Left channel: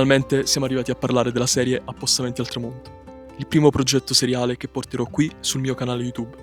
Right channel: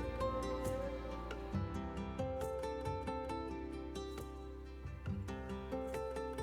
Finalmente siamo arrivati a parlare della serie Appostamenti al tramonto, il primo progetto seriale che porterò qui sul mio canale YouTube.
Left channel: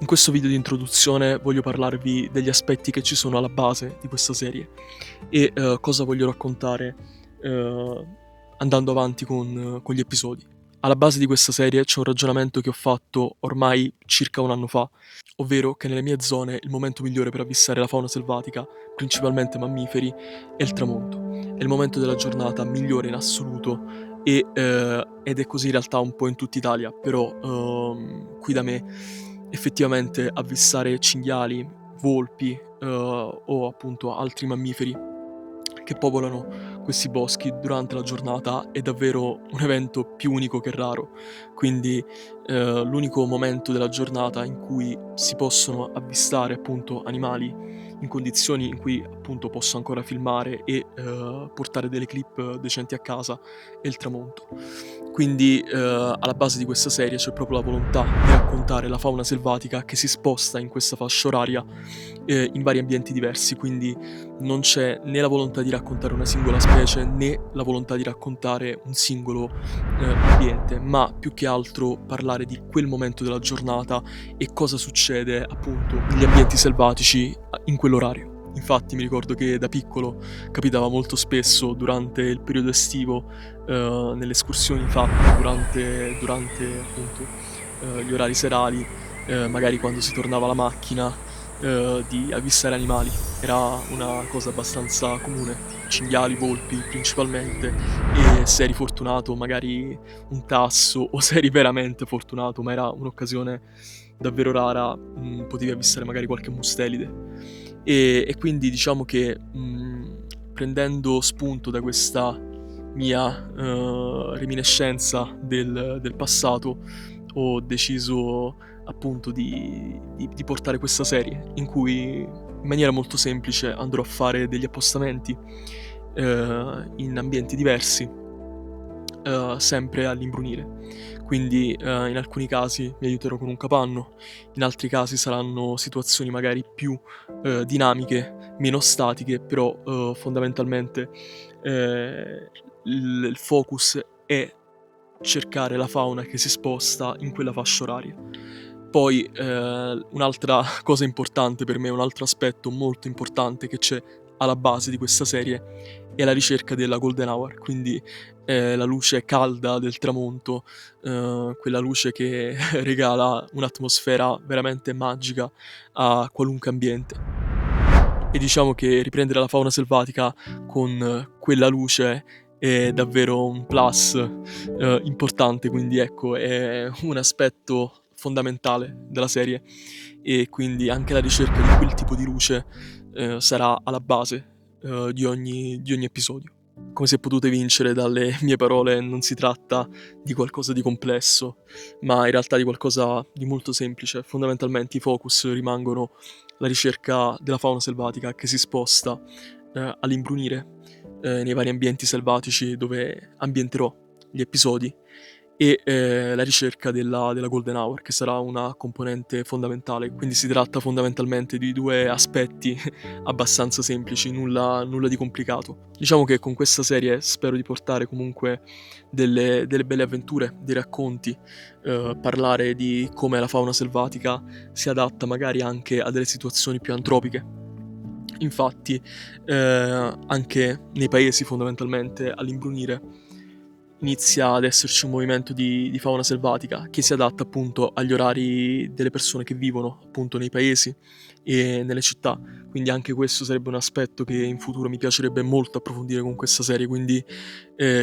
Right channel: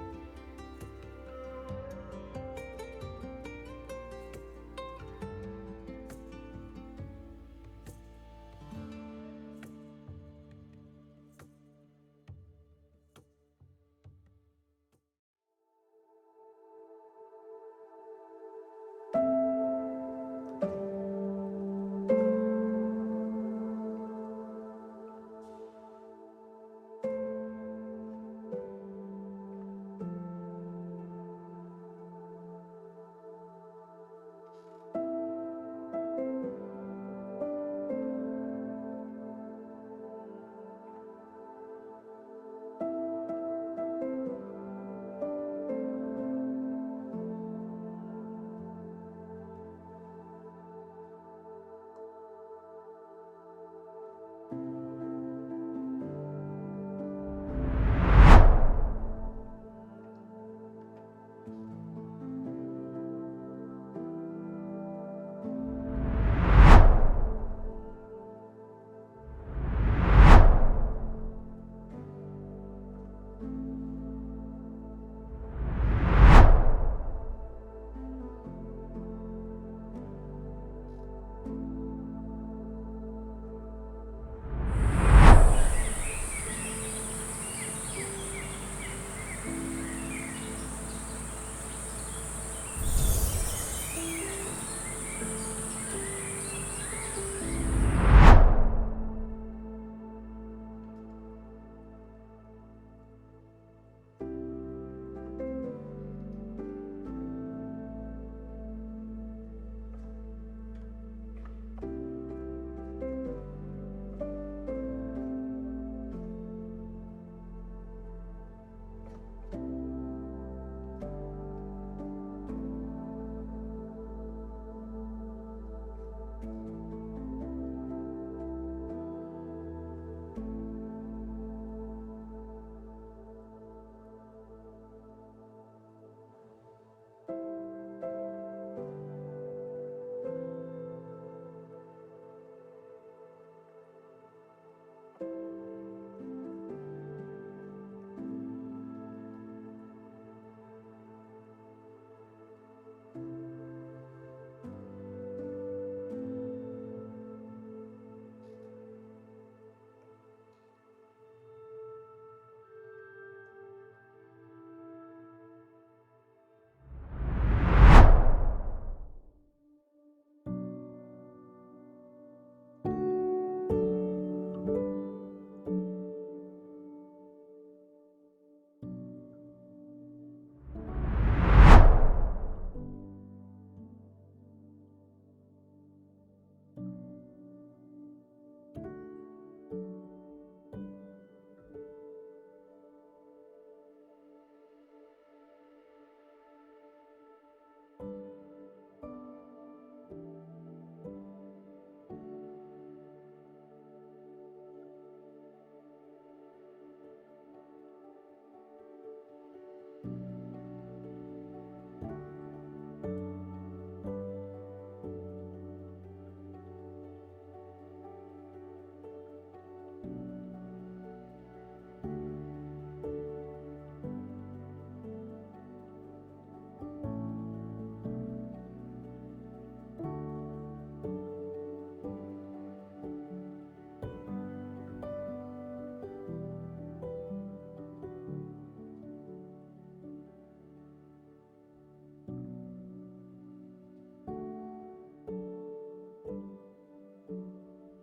In questo video di introduzione voglio parlarvi degli aspetti che ci sono alla base di questa serie e cosa voglio raccontare andando avanti con gli episodi. Alla base di questa serie c'è un ragionamento che ho fatto ormai circa un anno fa, ovvero che nelle mie zone il momento migliore per avvistare la fauna selvatica, principalmente mammiferi, è il tramonto. È il momento della giornata migliore in assoluto ed è così in realtà un po' in tutta Italia, però qui da me effettivamente avvistare cinghiali, volpi o appunto altri mammiferi che popolano questi boschi durante la giornata è davvero un evento più unico che raro. Quindi l'unico momento della giornata in cui si possono avvistare appunto animali in condizioni in cui appunto posso ancora filmare e portare delle clip decenti a casa è il tramonto. Quindi alla base di questa serie c'è proprio la volontà di raccontare la fauna selvatica che si sposta in questa fascia oraria in vari ambienti diversi, quindi non c'è né la volontà di raccontare una singola specie né la volontà di raccontare un singolo ambiente, ma più che altro parlare di quel momento della giornata e cosa succede appunto negli ambienti selvatici in quell'orario. Infatti mi ricordo che da piccolo capitava molto spesso durante il periodo estivo, nelle escursioni fatte durante appunto gli orari serali, magari quando si tornava alla macchina, di avvistare animali. Era una cosa abbastanza comune, cinghiali, volpi principalmente, e se eri fortunato magari un tasso o se eri veramente fortunato, ma era un'occasione davvero rara, potevi avvistare magari qualche mustelide. E quindi diciamo che, prendendo spunto da questa mia, reminiscenza del passato, ho deciso appunto di portare questa serie, in cui in maniera molto semplice andrò a fare degli appostamenti, in ambienti diversi, sempre all'imbrunire. Quindi, in alcuni casi mi aiuterò con un capanno, in altri casi saranno situazioni magari più, dinamiche, meno statiche, però, fondamentalmente, ehm, il focus è cercare la fauna che si sposta in quella fascia oraria. Poi, un'altra cosa importante per me, un altro aspetto molto importante che c'è alla base di questa serie è la ricerca della golden hour, quindi, la luce calda del tramonto, quella luce che regala un'atmosfera veramente magica a qualunque ambiente. E diciamo che riprendere la fauna selvatica con quella luce è davvero un plus, importante, quindi ecco, è un aspetto fondamentale della serie e quindi anche la ricerca di quel tipo di luce, sarà alla base, di ogni episodio. Come se potute vincere dalle mie parole, non si tratta di qualcosa di complesso, ma in realtà di qualcosa di molto semplice. Fondamentalmente i focus rimangono la ricerca della fauna selvatica che si sposta, all'imbrunire, nei vari ambienti selvatici dove ambienterò gli episodi e, la ricerca della golden hour, che sarà una componente fondamentale. Quindi si tratta fondamentalmente di 2 aspetti abbastanza semplici, nulla di complicato. Diciamo che con questa serie spero di portare comunque delle belle avventure, dei racconti, parlare di come la fauna selvatica si adatta magari anche a delle situazioni più antropiche. Infatti, anche nei paesi fondamentalmente all'imbrunire inizia ad esserci un movimento di fauna selvatica che si adatta appunto agli orari delle persone che vivono appunto nei paesi e nelle città. Quindi anche questo sarebbe un aspetto che in futuro mi piacerebbe molto approfondire con questa serie, quindi,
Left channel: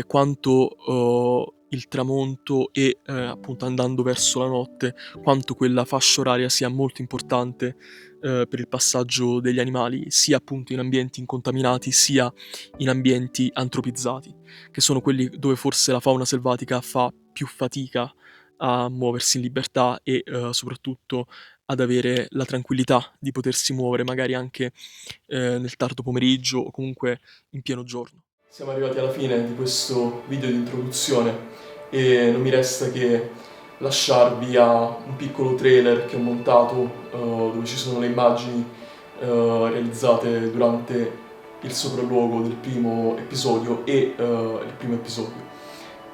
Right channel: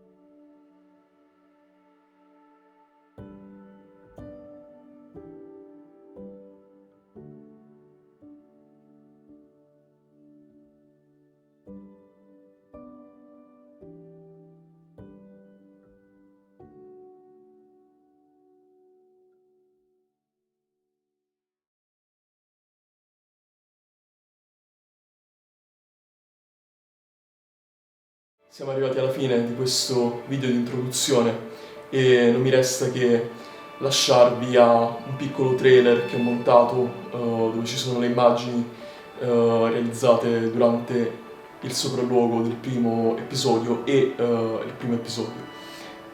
quanto, il tramonto e, appunto andando verso la notte, quanto quella fascia oraria sia molto importante, per il passaggio degli animali, sia appunto in ambienti incontaminati, sia in ambienti antropizzati, che sono quelli dove forse la fauna selvatica fa più fatica a muoversi in libertà e, soprattutto ad avere la tranquillità di potersi muovere magari anche, nel tardo pomeriggio o comunque in pieno giorno. Siamo arrivati alla fine di questo video di introduzione e non mi resta che lasciarvi a un piccolo trailer che ho montato, dove ci sono le immagini, realizzate durante il sopralluogo del primo episodio e il primo episodio,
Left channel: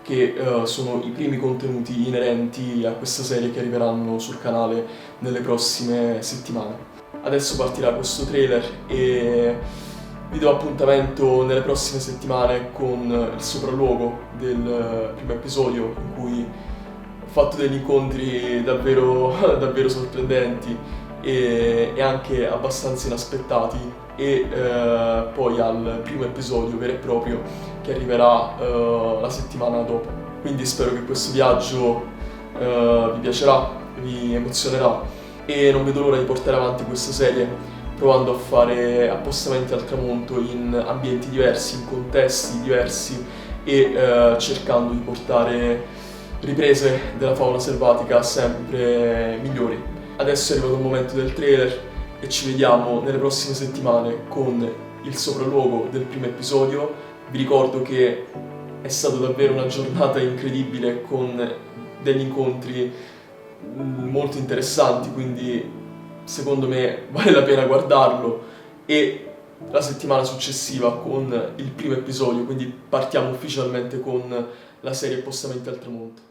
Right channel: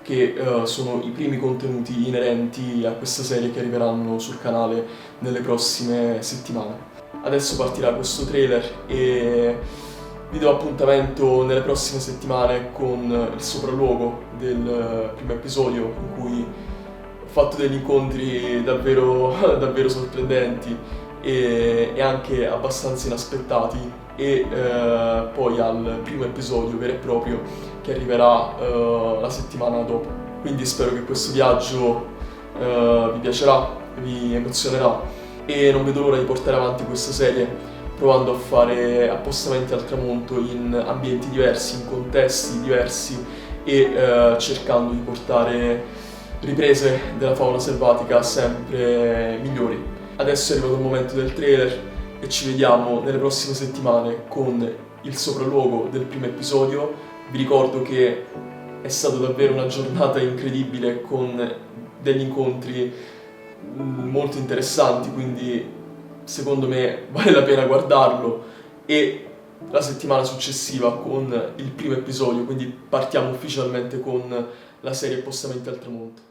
che sono i primi contenuti inerenti a questa serie che arriveranno sul canale nelle prossime settimane. Adesso partirà questo trailer e vi do appuntamento nelle prossime settimane con il sopralluogo del primo episodio, in cui ho fatto degli incontri davvero, davvero sorprendenti e anche abbastanza inaspettati, e poi al primo episodio vero e proprio che arriverà la settimana dopo. Quindi spero che questo viaggio vi piacerà, vi emozionerà, e non vedo l'ora di portare avanti questa serie provando a fare appostamenti al tramonto in ambienti diversi, in contesti diversi, e cercando di portare riprese della fauna selvatica sempre migliori. Adesso è arrivato il momento del trailer e ci vediamo nelle prossime settimane con il sopralluogo del primo episodio. Vi ricordo che è stata davvero una giornata incredibile con degli incontri molto interessanti, quindi secondo me vale la pena guardarlo, e la settimana successiva con il primo episodio, quindi partiamo ufficialmente con la serie Appostamenti al tramonto.